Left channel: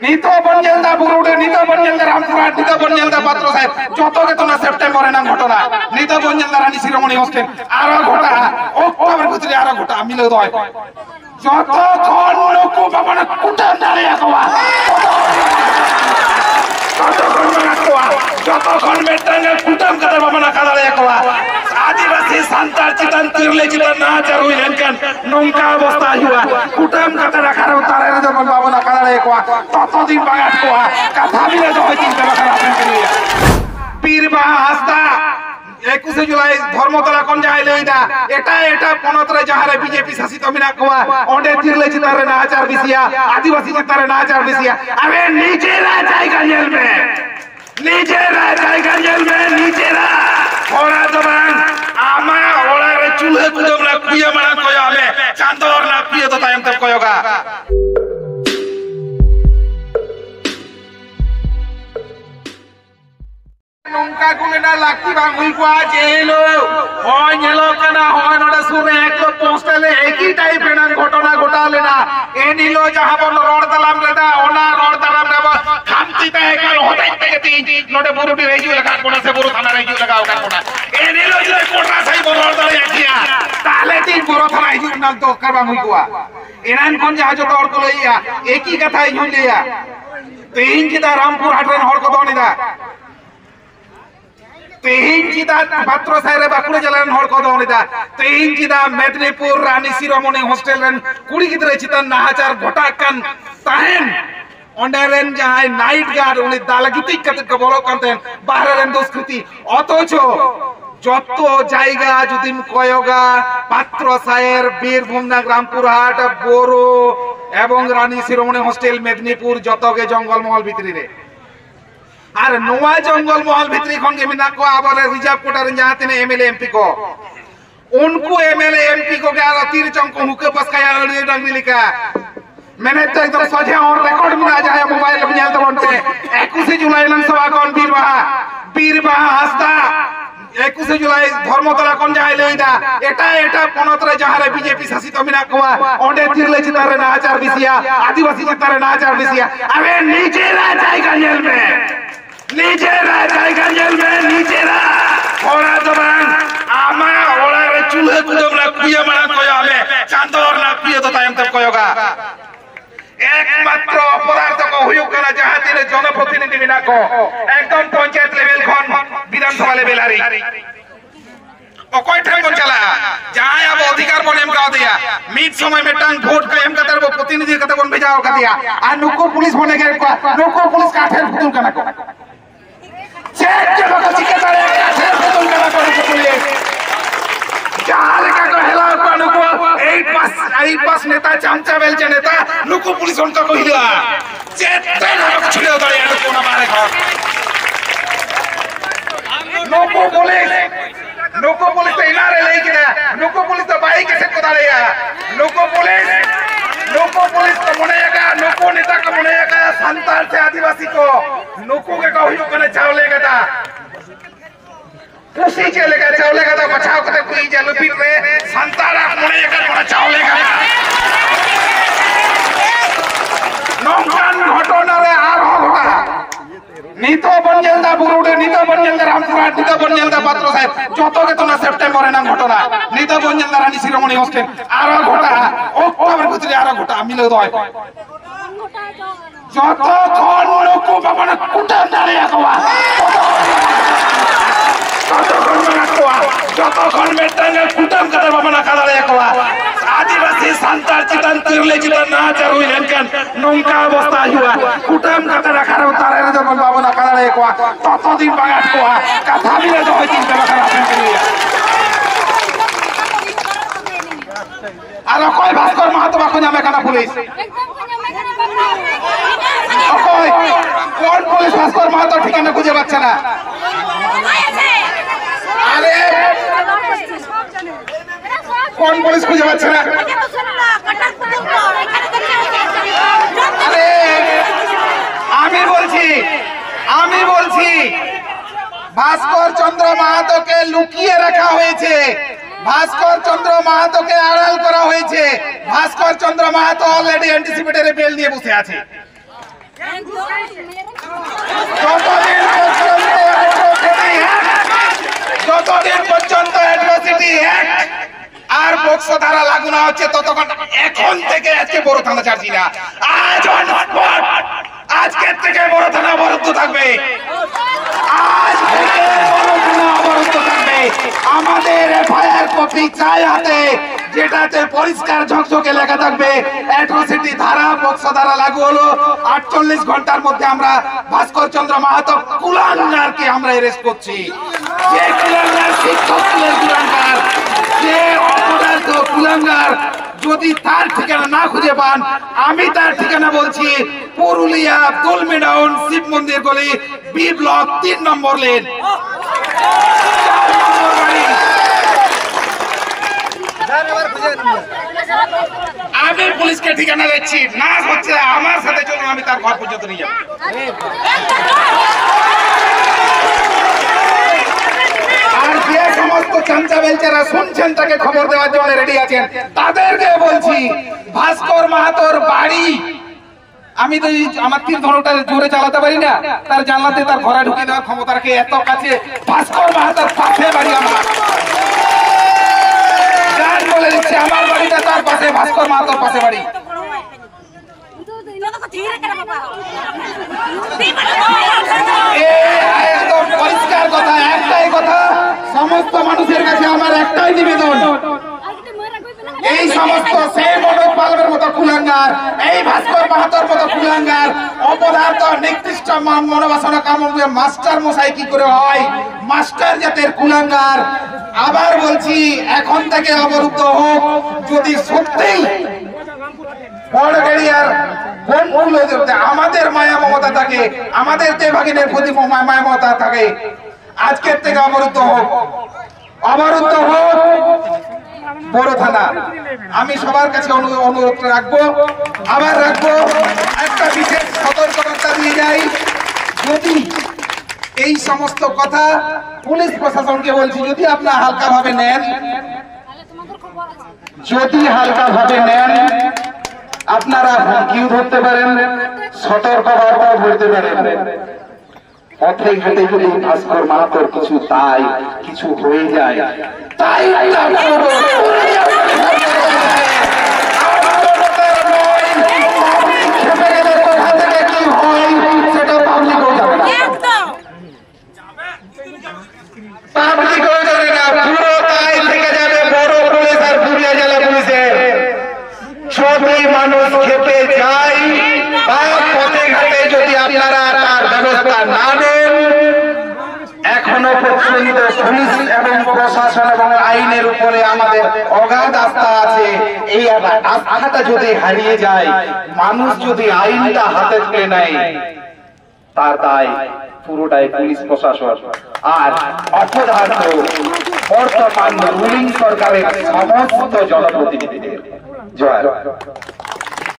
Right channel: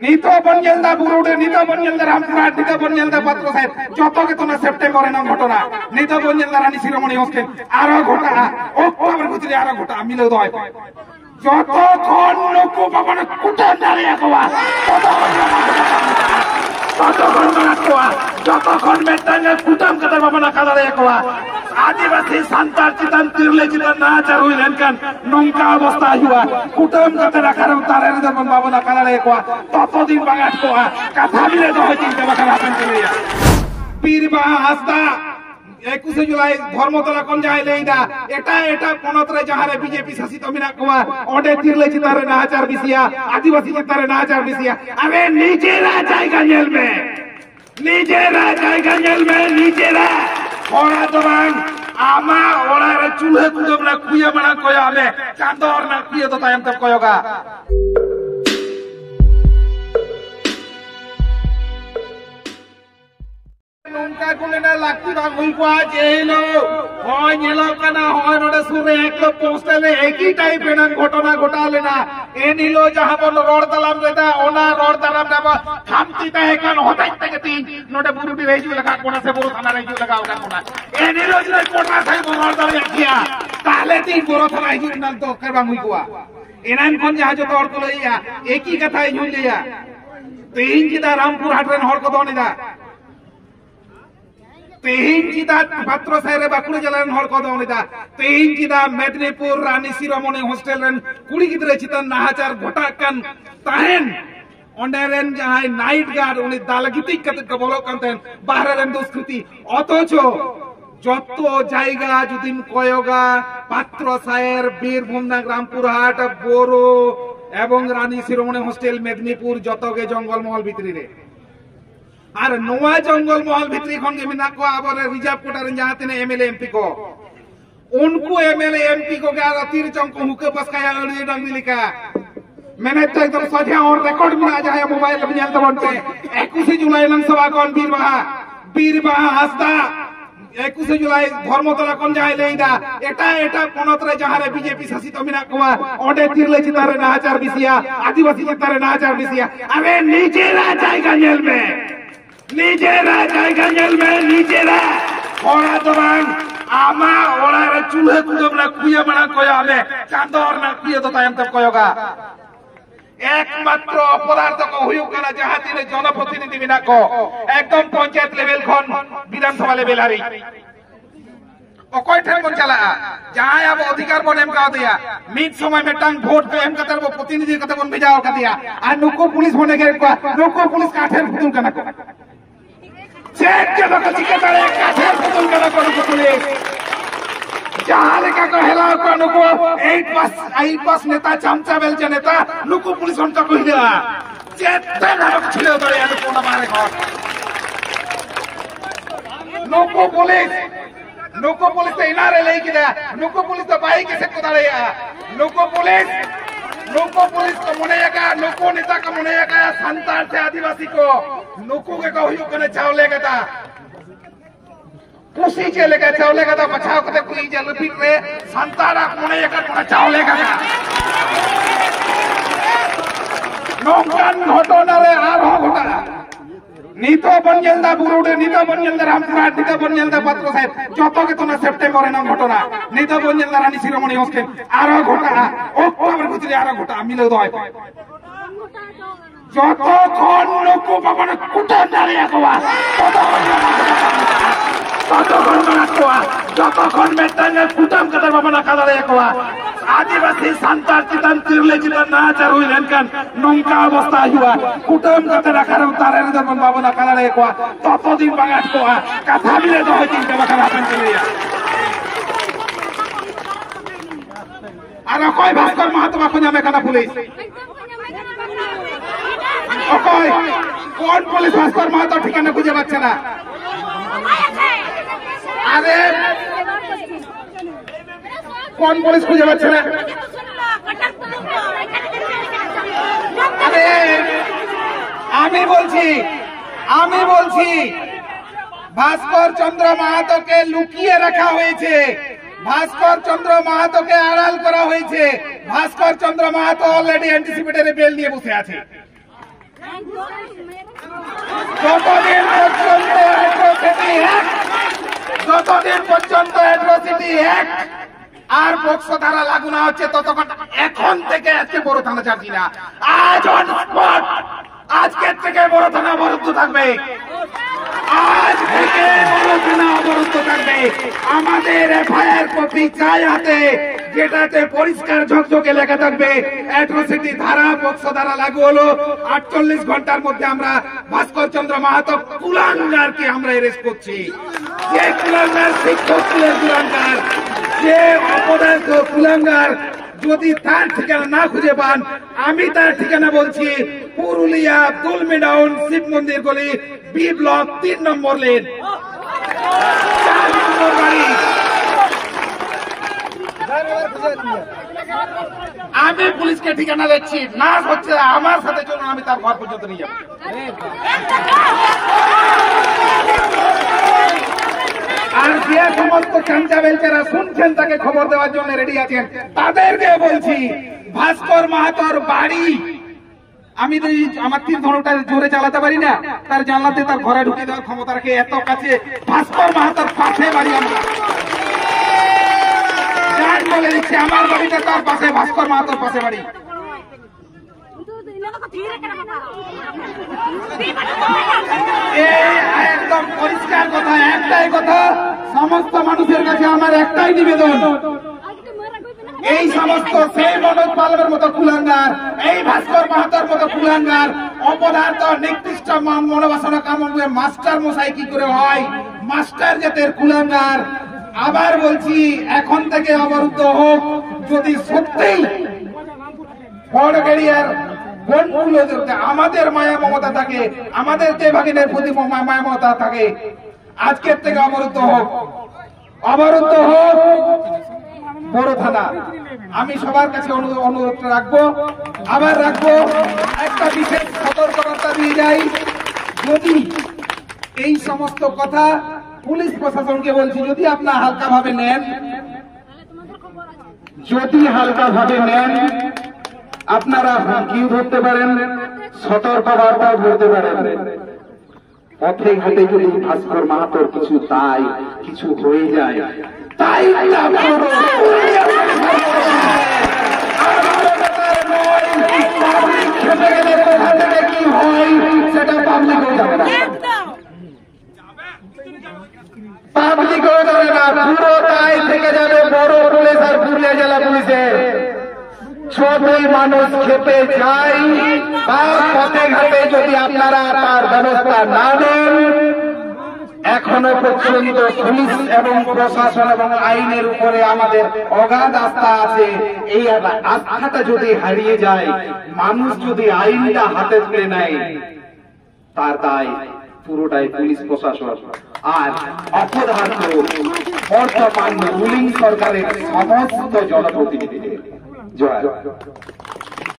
নিতো বঞ্জেলদা বুরুডে নিতো বঞ্জেলদা রামপুরহাট নিতো বঞ্জেলদা পাত্র সাহেব যত কেতনা সেপ্টেম্বরে না ঘটনা নিতো বঞ্জেলদা রানী শিরোমণি হোস্টেল আরো ঘটা অক্টোবর ভিতরে আরো ঘটা মিলে দয় যতক্ষণ লোক বাবা কুটা দাঁড়িয়ে কবা যতক্ষণ মেটালে কুটাম কাদের বাবা না দাঁড়িয়ে কবা आदिवासी सांतार चितन तिरले चितन ना चरुई लेनकन नुंका अवस्था हुआ कुटम कते रखा रे उतारे रे जब बाबू ना काला रे कोआ ततो दिन बागात कोआ कथा मिले तो होई चिंता बखरा आपन के लिए पीरबा हस्ता 21 जुलाई धर्मतला कोन जाय लेइदा एटा पनतरे जहारे बीजेपी शासित मिना कोआ ओडे तिरले चितारे ना आचार बिसिया आदिवासी चितारे ना आचार बिसिया अबे नीचे रा जायगा जेल में নিজেরা জায়গা জেলবে নিজেরা ওরা দবান আমা ওরা রে চুলে কুদম না কুইয়া মানা কয় আমি চান্দর না কুইয়া তো টাইম তক কয়গা নৌকা গুলেনা লাকি বাঙ্গুই কোয়া জেলো হয় নেলো কানা হয় নড়ে সুরে একলো পোস্টালে একই টাইপের ঘটনা ঘটালে না এ নিলো যাহা বল রড দালাম রেদা ওনা রড দালাম রে খামতি তে কার হতাই থেকে তিন নড়ে বুরুটি রেজু লাগা কোনা সে বুরু থানা রেজু লাগাও কার কোনা এ নিলো যে কোটা সাই রড দালে আখিয়া তাহলে তিন বুরু থানা রেজু নাল তো কার বাঙ্গুই কোয়া এনান কোন যাহা যত অর্থ লইয়া একই কথাই ঝুলিয়া তিন কিদা রামপুর হাটরেন হড় কত নিদা तेहिन चिदा पात्र साइरे बाकुड़े जलान हर को दवनिदा तेहिन चिदा मेदिनीपुर रानी शिरोमणि हॉस्टल रेन कुड़ी गिदरे चितन नाहाचार घटाकान ताहेन ओंडेरेन जहाय नाइट गार्ड उनी दालागिति कते को बोलो कानतेन बाहरे रेन दुष्कृति অথচ যত জায়গা যদিম কয়গা পাত্র সায়ের বীরভূম না রামপুরহাট बोरो এবং রানী শিরোমণি হস্টেল মেদিনীপুর যতগে জঙ্গলমহল ভিতরি রে আর নোয়া জঙ্গল মহল ভিতরি খন के मिना को आबर रिजर्व कोटा जहां तिने एमएलए एमपी को उनको एमएलए एमपी को क्या तीर चंको हुके बस का यार डंगरी लिखा मैंने तो एकदम सोचे और रिकॉर्ड में आ जाए मोबाइल में जाते बनते 21 जुलाई लन सभा कौन बीरबा हस्ता 21 जुलाई धर्मतला कोन जाय लेइदा एटा पनतरे जहारे बीजेपी शासित मिना कोआ ओडे तिरले चितारे ना आचार बिसिया आदिवासी चितारे ना आचार बिसिया अबे नीचे रा जायगा जेल में নিজেরা জায়গা জেলবে নিজেরা ওরা দবান আমা ওরা রে চুলে কুদম না কুইয়া মানা কয় আমি চান্দর না কুইয়া তো টাইম তক কয়গা একমাত্র অপরাধ কো হইও কানা যাহা দিলে জনপ্রতিনিধি মিনা কো একদম পঞ্চায়েত লেভেল খন বিধানসভা লেভেল হারি অকয় ঠাকুর চালা যাই अब अधिकार बन एम का दिया मिट समय में टांग वोट का एम का तरफ प्रतिनिधि का बन भेजाओ का दिया आ नुको पुलिस बने के नुको पुलिस का ठेर फुतुल कना को चेक के बका चिकतारे का ठेर फुतुल कना को पुलिस जाले का हेला को नुको 8 पास नेता चामचा बेलचे नेता नुको पुलिस उनका कहिला चेक पे नुको छिड़ो दड़े नुको ना मारे का नुको पुलिस तो इनारे ले गया नुको पुलिस तो बाइक से कोदारे या नुको पुलिस को मनेगा नुको नेता को मनेगा संतार से आदिवासी को नुको के कहियो कने चावलेगा ता कुसी चलेगा चावलेगा ता बचाव करते कोई जलपीट रे संतारा मनेगा कोना चावलेगा नौकान घटना रे आर घटा নিতো বঞ্জেলদা বুরুডে নিতো বঞ্জেলদা রামপুরহাট নিতো বঞ্জেলদা পাত্র সাহেব যত কেতনা সেপ্টেম্বরে না ঘটনা নিতো বঞ্জেলদা রানী শিরোমণি হোস্টেল আরো ঘটা অক্টোবর ভিতরে আরো ঘটা মিলে দয় যতক্ষণ লোক বাবা না কুটা দাঁড়িয়ে কবা যতক্ষণ মেটালে কুটাম কাদের বাবা না দাঁড়িয়ে কবা आदिवासी सांतार चितन तिरले चितन ना चरुई लेनकन नुंका अवस्था हुआ कुटम कते रखा रे उतारे रे जब बाबू ना काला रे कोआ ततो दिन बागात कोआ कथा मिले तो होई चिंता बखरा आपन के लिए आरो कोई भास्कर महतो बाको जामे काना पुलिस ओकोई कोन पुलिस भास्कर महतो ठिकाना খুঁজে পাচ্ছে না আরে কোন পুলিশ খুঁজে পাচ্ছে না আরে আমি বলছি ভাস্কর চন্দ্র মাহাতোকে লুকিয়ে রাখা হয়েছে ভাস্কর চন্দ্র মাহাতোকে আড়াল করা হয়েছে ভাস্কর চন্দ্র মাহাতো অলরেডি অ্যান্টিসিপেটরি বেল নিয়ে বসে আছে যতদিন পর্যন্ত অ্যাট্রসিটি অ্যাক্ট আর পোক্সো ধারা লাগু না হচ্ছে ততক্ষণ এখন থেকে আজকে বড় থানা ছাড়ছি না। আজ অন স্পট আজকের থেকে বড় থানা অবরুদ্ধ থাকবে। আজ থেকে বড় থানা অবরুদ্ধ থাকবে। আমাদের এফআইআর কপি চাই হাতে, যেটাতে পরিষ্কার ঝকঝকে লেখা থাকবে অ্যাট্রসিটি ধারা পোক্সো ধারা লাগু হলো। 48 ঘন্টার মধ্যে আমরা ভাস্কর চন্দ্র মাহাতো কুলাঙ্গারকে আমরা অ্যারেস্ট করছি। যে কুলাঙ্গার শিক্ষক স্কুলের কুলাঙ্গার, যে অপরাধ কুলাঙ্গার, যদি তার ঠিকানা না খুঁজে পান আমি তার ঠিকানা বলছি, পুরুলিয়া দুলমি ডাউন শিব মন্দির গলি, বি ব্লক 3 নম্বর লেন, 4 নম্বর বাড়ি। আমি পুলিশকে ঠিকানা দিচ্ছি, না হচ্ছে আমার সাথে চলুন, আমি তার ঘর পর্যন্ত নিয়ে যাবো। আর যে সমস্ত চামচা বেলচারা শুনছেন তাকে খবর দেওয়ার জন্য রেডি আছেন, তাদেরকে বলছি ভাস্কর মাহাতোর বাড়ি, আমি তো আমার তীর ধনুটা জোরে চালাতে পারি না, তার জানলাতে তার ঘরে ঢুকে দেওয়ার ক্ষমতা রাখে, এত কাছে ভাস্কর মাহাতোর পাশে বাড়ি আমার। যার বলে দিচ্ছি আমার বাড়িটা তার পাশে, ভাস্কর মাহাতোর পাশে বাড়ি। একদম পরিষ্কার কথা, একটাই কথা, সমস্ত মানুষের কাছে আমার একটাই নিবেদন, এই সমস্ত সেই মনোজ পালবের মতো কুলাঙ্গার, এই ভাস্কর মাহাতোর মতো কুলাঙ্গার, অপদার্থ নিকৃষ্ট মনোবাসনা কামড়ে মাস্টার মশাই কি করে হয়, মাস্টার জাতের কুলাঙ্গার। আবার বলছি এখন থেকে অবরুদ্ধ হোক, যদি সত্যিই বড়গড়িয়ার বনগুলো আমাদের মায়া মমতা থাকে, আমাদের দেবভাগিনের প্রতি মায়া মমতা থাকে, আজকের থেকে অবরুদ্ধ হোক, অবরুদ্ধ হোক বড় থানা। আমি সবার কাছে অনুরোধ রাখবো, আবার রাখবো, একটা বিশেষ সতর্কতা দিয়ে যাই, যদি এই সমস্ত কথা পুলিশ প্রশাসনকে বলছি, যদি আপনারা হালকা ভাবে নেন, যদি হালকা ভাবে নেন আপনারা হুমকিও ধরতে পারেন, সতর্ক বার্তাও ধরতে পারেন। পথে ঘাটে যদি ভাস্কর মাহাতোর কিছু তাই কিছু হয়ে যায়, তাই খেপে গেলে কোথা থেকে কি হয় সেটা পাবলিকও জানে না, পাবলিকও জানে না, পুরো তাই থেকে যাবে বড় পুলিশ আর পুরুলিয়া জেলা পুলিশের। যদি মানুষ খেপে যায় বা পথে ঘাটে যদি আপনারা তার ব্যবস্থা না নেন, এখনো পর্যন্ত পুলিশ এবং প্রশাসন এবং আইনের উপরে আমাদের অগাধ আস্থা আছে। এই আস্থাটা যদি হারিয়ে যায়, মানুষ যদি আইনটা হাতে তুলে নেয়, তার দায় পুরোটাই পুলিশ প্রশাসন আর অপরাধ বর্তমান রুলিং সরকারের সমস্ত জনপ্রতিনিধিদের। জয়।